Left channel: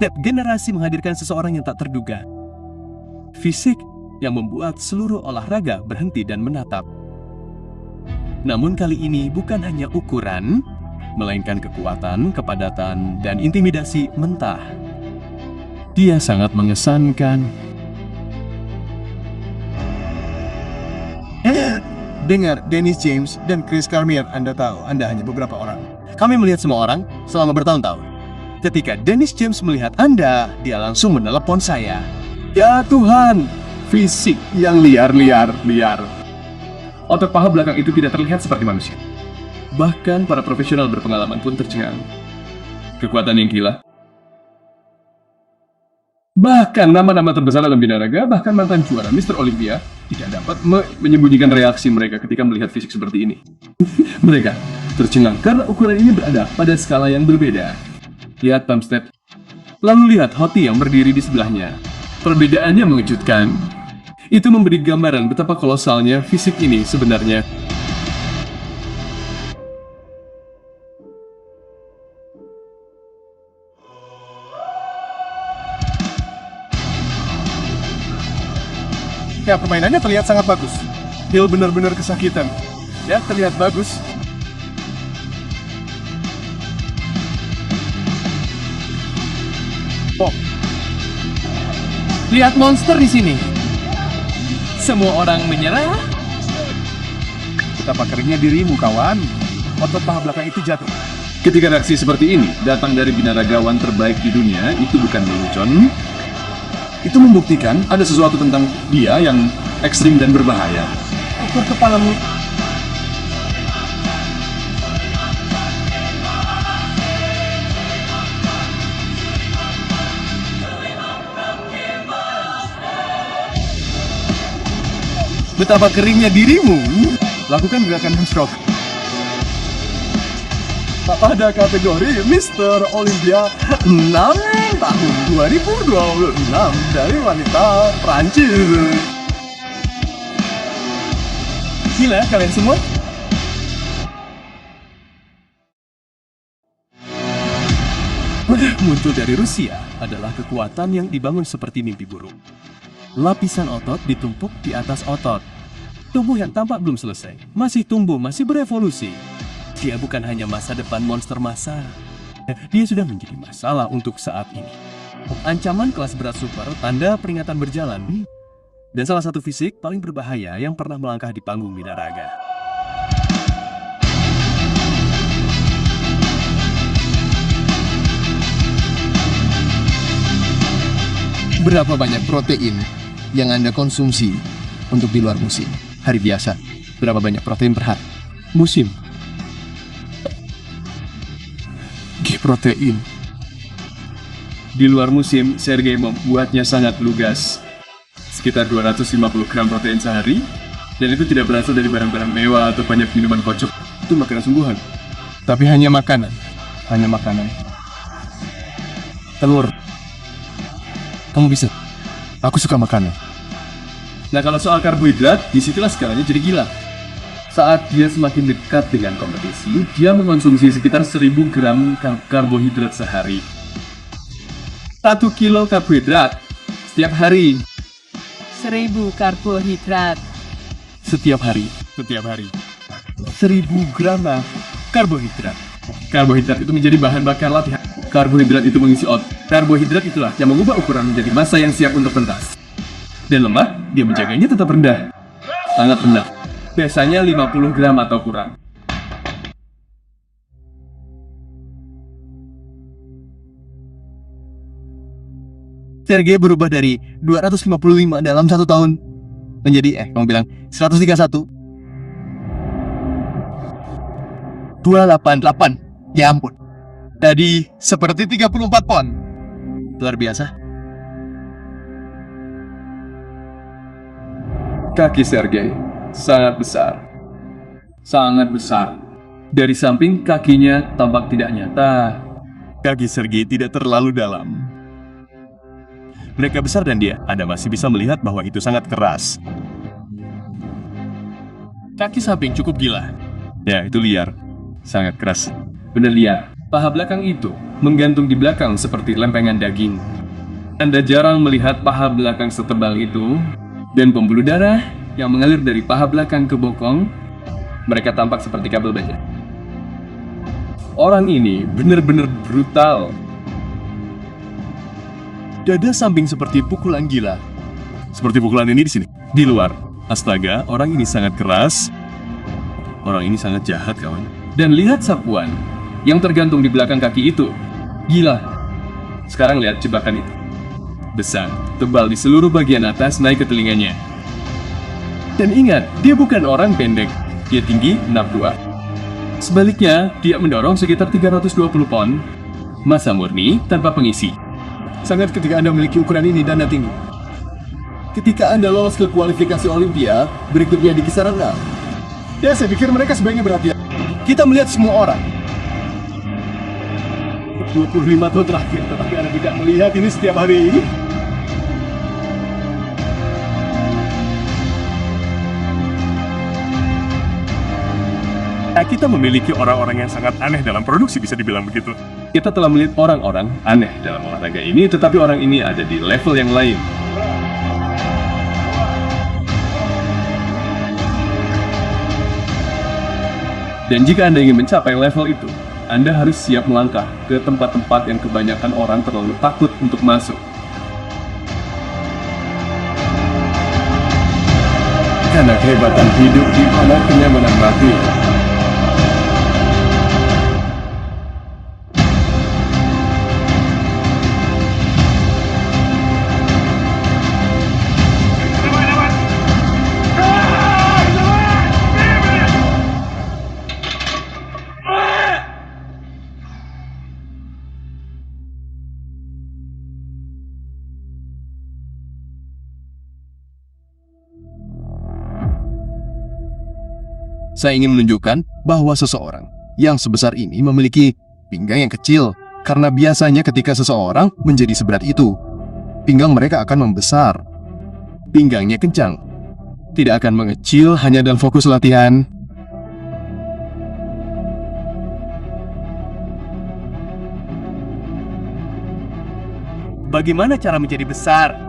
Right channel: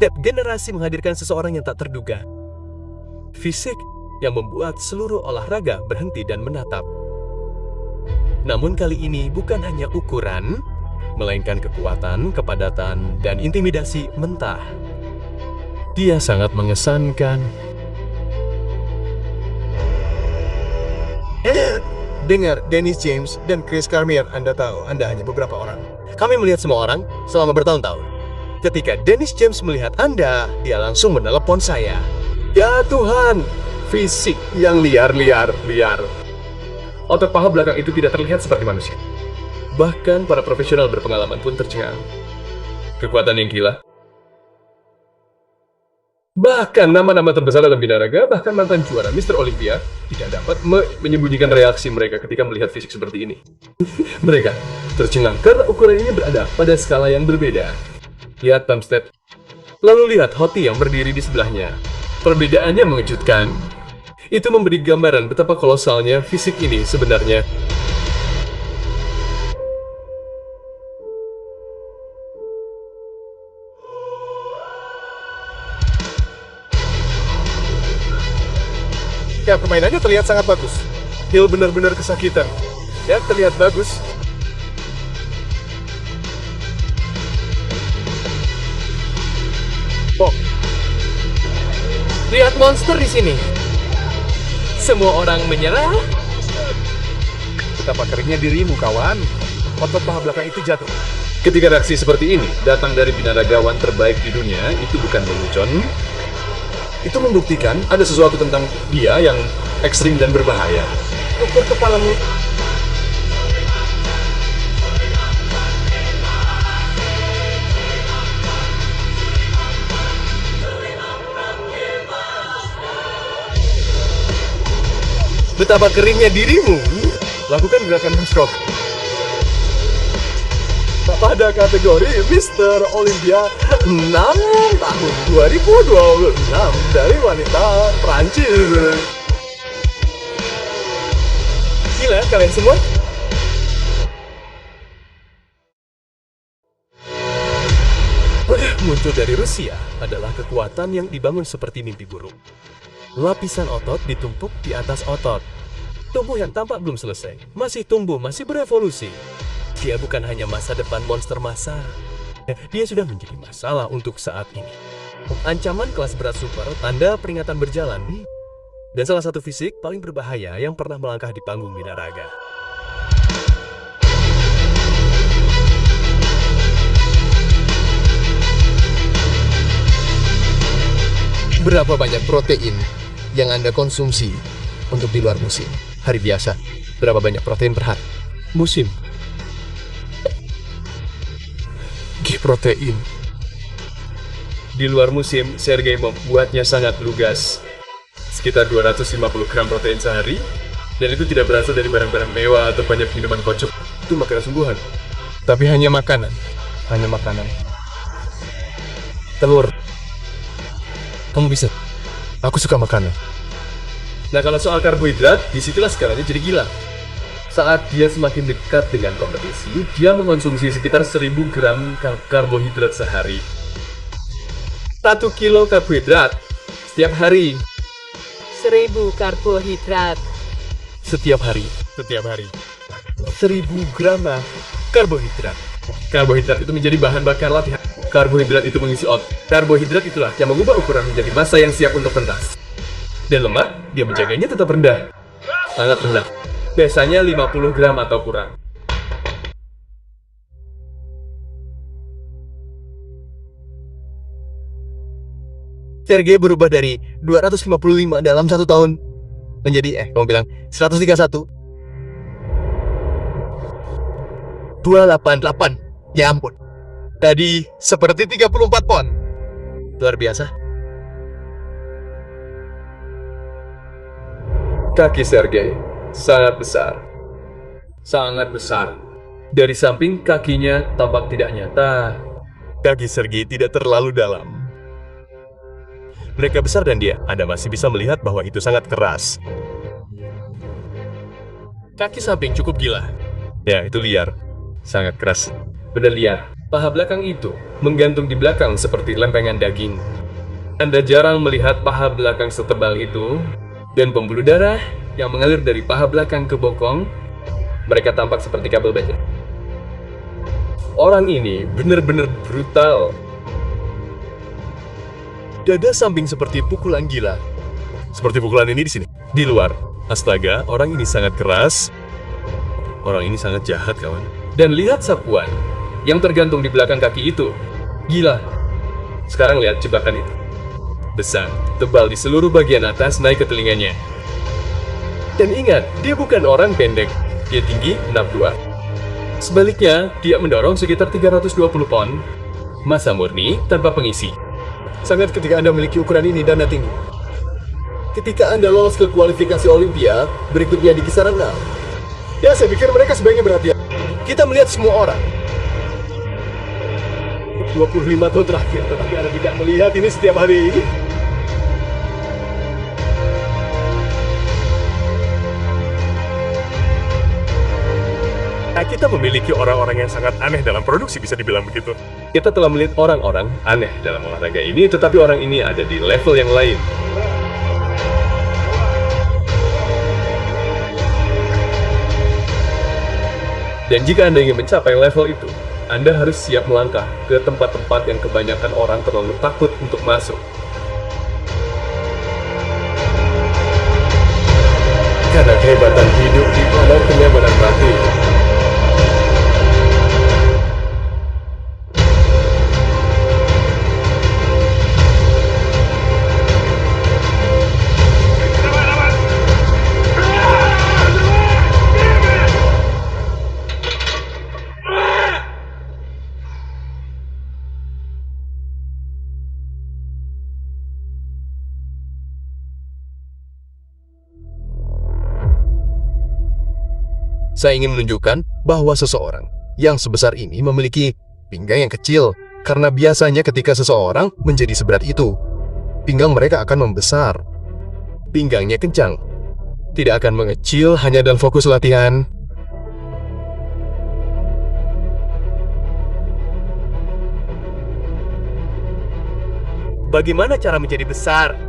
Tiap generasi menghadirkan seseorang yang tak terduga. Fisik yang membuat seluruh olahraga berhenti dan menatap. Namun kali ini bukan hanya ukuran, melainkan kekuatan, kepadatan, dan intimidasi mentah. Dia sangat mengesankan. Dengar, Dennis James dan Chris Cormier, Anda tahu, Anda hanya beberapa orang. Kami melihat semua orang selama bertahun-tahun. Ketika Dennis James melihat Anda, dia langsung menelepon saya. Ya Tuhan, fisik yang liar. Otot paha belakang itu tidak terlihat seperti manusia. Bahkan para profesional berpengalaman pun tercengang. Kekuatan yang gila. Bahkan nama-nama terbesar dalam binaraga, bahkan mantan juara Mr. Olympia, tidak dapat menyembunyikan reaksi mereka ketika melihat fisik seperti ini. Mereka tercengang karena ukuran ini berada pada skala yang berbeda. Lihat Bumstead. Lalu lihat Hoti yang berdiri di sebelahnya. Perbedaannya mengejutkan. Itu memberi gambaran betapa kolosalnya fisik ini sebenarnya. Ya, permainannya terlihat sangat bagus. Hill benar-benar kesakitan. Ya, terlihat bagus. Oh. Lihat monster di sini. Semua orang menyerah. Betapa keringnya dirimu, kawan. Otot paha belakang itu jatuh. Ketika reaksi seperti ini datang dari binaragawan terbaik di dunia, itu bukan lelucon. Itu membuktikan ada sesuatu tentang dia yang ekstrim dan berbahaya. Ukur kepalamu. Betapa keringnya dirimu. Lakukan gerakan hamstroke. Pada kategori Mr. Olympia 6 tahun 2026 dari wanita Prancis. Gila kalian semua. Muncul dari Rusia adalah kekuatan yang dibangun seperti mimpi buruk. Lapisan otot ditumpuk di atas otot. Tubuh yang tampak belum selesai, masih tumbuh, masih berevolusi. Dia bukan hanya masa depan monster massa. Dia sudah menjadi masalah untuk saat ini. Ancaman kelas berat super, tanda peringatan berjalan. Dan salah satu fisik paling berbahaya yang pernah melangkah di panggung binaraga. Berapa banyak protein yang Anda konsumsi untuk di luar musim? Hari biasa, berapa banyak protein per hari? Musim. Protein. Di luar musim, Sergei membuatnya sangat lugas. Sekitar 250 gram protein sehari, dan itu tidak berasal dari barang-barang mewah atau banyak minuman kocok. Itu makanan sungguhan. Tapi hanya makanan. Hanya makanan. Telur. Kamu bisa. Aku suka makanan. Nah, kalau soal karbohidrat, disitulah skalanya jadi gila. Saat dia semakin dekat dengan kompetisi, dia mengonsumsi sekitar 1000 gram karbohidrat sehari. 1 kilo karbohidrat setiap hari. 1000 karbohidrat. Setiap hari. 1000 gram karbohidrat. Karbohidrat itu menjadi bahan bakar latihan. Karbohidrat itu mengisi otot. Karbohidrat itulah yang mengubah ukuran menjadi massa yang siap untuk pentas. Dan lemak, dia menjaganya tetap rendah. Sangat rendah. Biasanya 50 gram atau kurang. Sergei berubah dari 255 dalam 1 tahun menjadi, kamu bilang 131. 288. Ya ampun. Tadi seperti 34 pon. Luar biasa. Kaki Sergei sangat besar. Sangat besar. Dari samping kakinya tampak tidak nyata. Kaki Sergei tidak terlalu dalam. Mereka besar dan Anda masih bisa melihat bahwa itu sangat keras. Kaki samping cukup gila. Ya, itu liar. Sangat keras. Benar lihat, paha belakang itu menggantung di belakang seperti lempengan daging. Anda jarang melihat paha belakang setebal itu, dan pembuluh darah yang mengalir dari paha belakang ke bokong, mereka tampak seperti kabel baja. Orang ini benar-benar brutal. Dada samping seperti pukulan gila. Seperti pukulan ini di sini. Di luar. Astaga, orang ini sangat keras. Orang ini sangat jahat, kawan. Dan lihat sapuan yang tergantung di belakang kaki itu. Gila. Sekarang lihat jebakan itu. Besar, tebal di seluruh bagian atas naik ke telinganya. Dan ingat, dia bukan orang pendek. Dia tinggi 62. Sebaliknya, dia mendorong sekitar 320 pon. Massa murni tanpa pengisi. Sangat ketika Anda memiliki ukuran ini dan tinggi. Ketika Anda lolos ke kualifikasi Olympia, berikutnya di kisaran 6. Ya, saya pikir mereka sebaiknya berhati-hati. Kita melihat semua orang. 25 tahun terakhir, tetapi Anda tidak melihat ini setiap hari. Nah, kita memiliki orang-orang yang sangat aneh dalam produksi, bisa dibilang begitu. Kita telah melihat orang-orang aneh dalam olahraga ini, tetapi orang ini ada di level yang lain. Dan jika Anda ingin mencapai level itu, Anda harus siap melangkah ke tempat-tempat yang kebanyakan orang terlalu takut untuk masuk. Karena kehebatan hidup di mana kenyamanan mati. Saya ingin menunjukkan bahwa seseorang yang sebesar ini memiliki pinggang yang kecil, karena biasanya ketika seseorang menjadi seberat itu, pinggang mereka akan membesar. Pinggangnya kencang. Tidak akan mengecil hanya dalam fokus latihan. Bagaimana cara menjadi besar?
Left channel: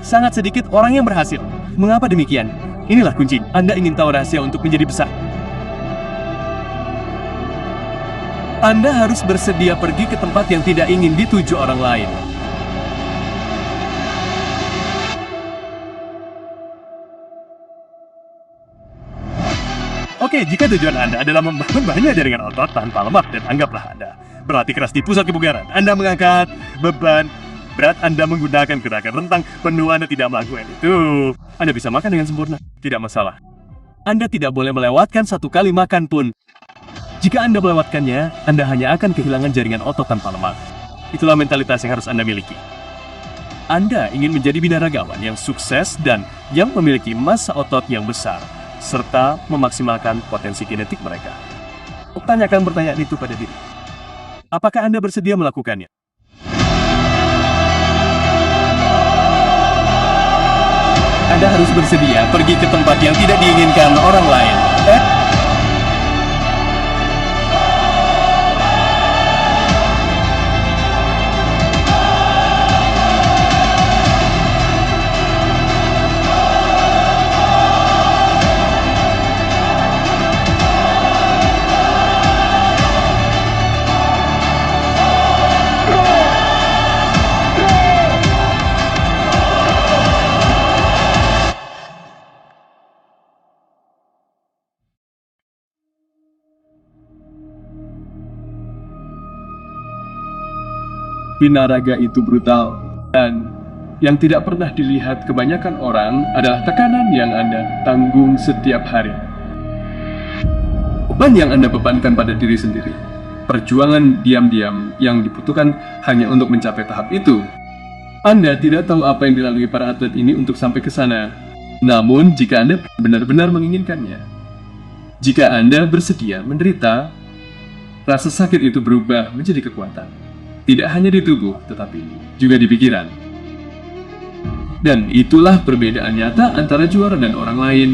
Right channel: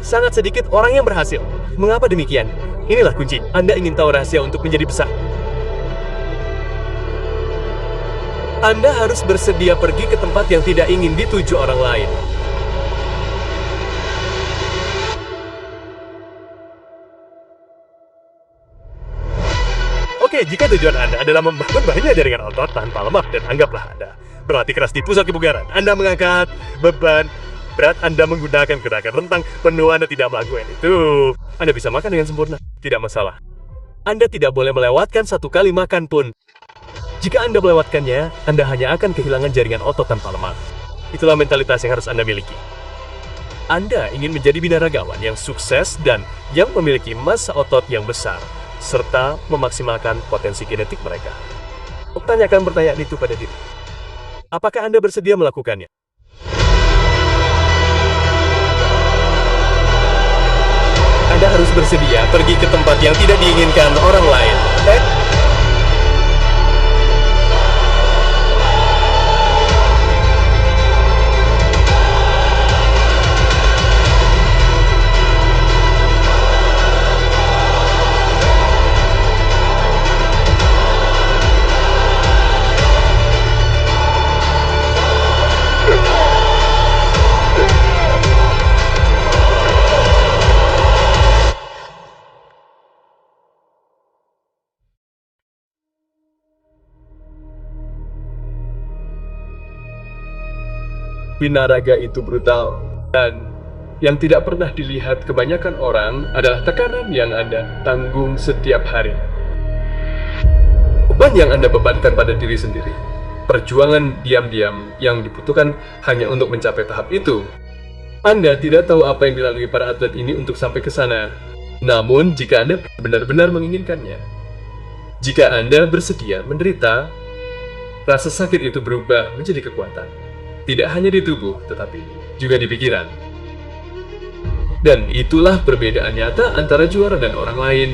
Sangat sedikit orang yang berhasil. Mengapa demikian? Inilah kunci. Anda ingin tahu rahasia untuk menjadi besar. Anda harus bersedia pergi ke tempat yang tidak ingin dituju orang lain. Oke, jika tujuan Anda adalah membangun banyak jaringan otot tanpa lemak, dan anggaplah Anda berlatih keras di pusat kebugaran, Anda mengangkat beban berat, Anda menggunakan gerakan rentang penuh, Anda tidak melakukan itu, Anda bisa makan dengan sempurna. Tidak masalah. Anda tidak boleh melewatkan satu kali makan pun. Jika Anda melewatkannya, Anda hanya akan kehilangan jaringan otot tanpa lemak. Itulah mentalitas yang harus Anda miliki. Anda ingin menjadi binaragawan yang sukses dan yang memiliki massa otot yang besar, serta memaksimalkan potensi genetik mereka. Tanyakan pertanyaan itu pada diri. Apakah Anda bersedia melakukannya? Anda harus bersedia pergi ke tempat yang tidak diinginkan orang lain. Binaraga itu brutal, dan yang tidak pernah dilihat kebanyakan orang adalah tekanan yang Anda tanggung setiap hari. Beban yang Anda bebankan pada diri sendiri. Perjuangan diam-diam yang dibutuhkan hanya untuk mencapai tahap itu. Anda tidak tahu apa yang dilalui para atlet ini untuk sampai ke sana. Namun, jika Anda benar-benar menginginkannya, jika Anda bersedia menderita, rasa sakit itu berubah menjadi kekuatan. Tidak hanya di tubuh, tetapi juga di pikiran. Dan itulah perbedaan nyata antara juara dan orang lain.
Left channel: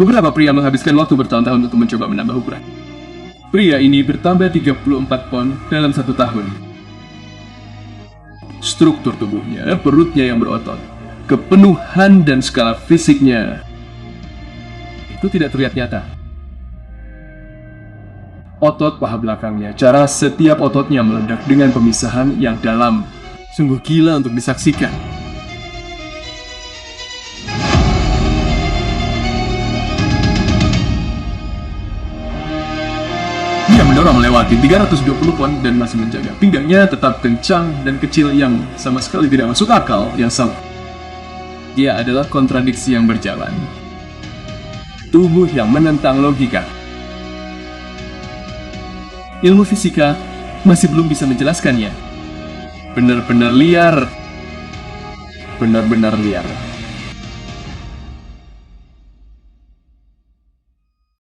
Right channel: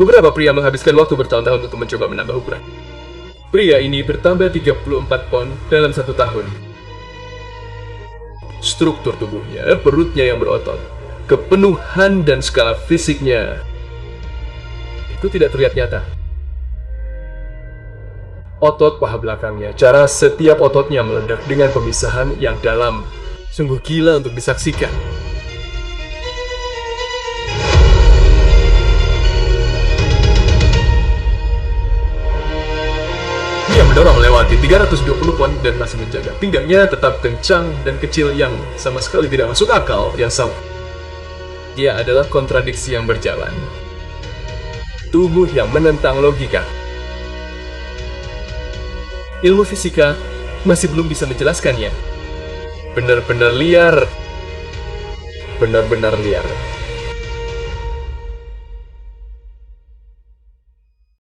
Beberapa pria menghabiskan waktu bertahun-tahun untuk mencoba menambah ukuran. Pria ini bertambah 34 pon dalam 1 tahun. Struktur tubuhnya, perutnya yang berotot, kepenuhan dan skala fisiknya itu tidak terlihat nyata. Otot paha belakangnya, cara setiap ototnya meledak dengan pemisahan yang dalam. Sungguh gila untuk disaksikan. Dia mendorong melewati 320 pon dan masih menjaga pinggangnya tetap kencang dan kecil yang sama sekali tidak masuk akal yang sama. Dia adalah kontradiksi yang berjalan. Tubuh yang menentang logika. Ilmu fisika masih belum bisa menjelaskannya. Benar-benar liar. Benar-benar liar.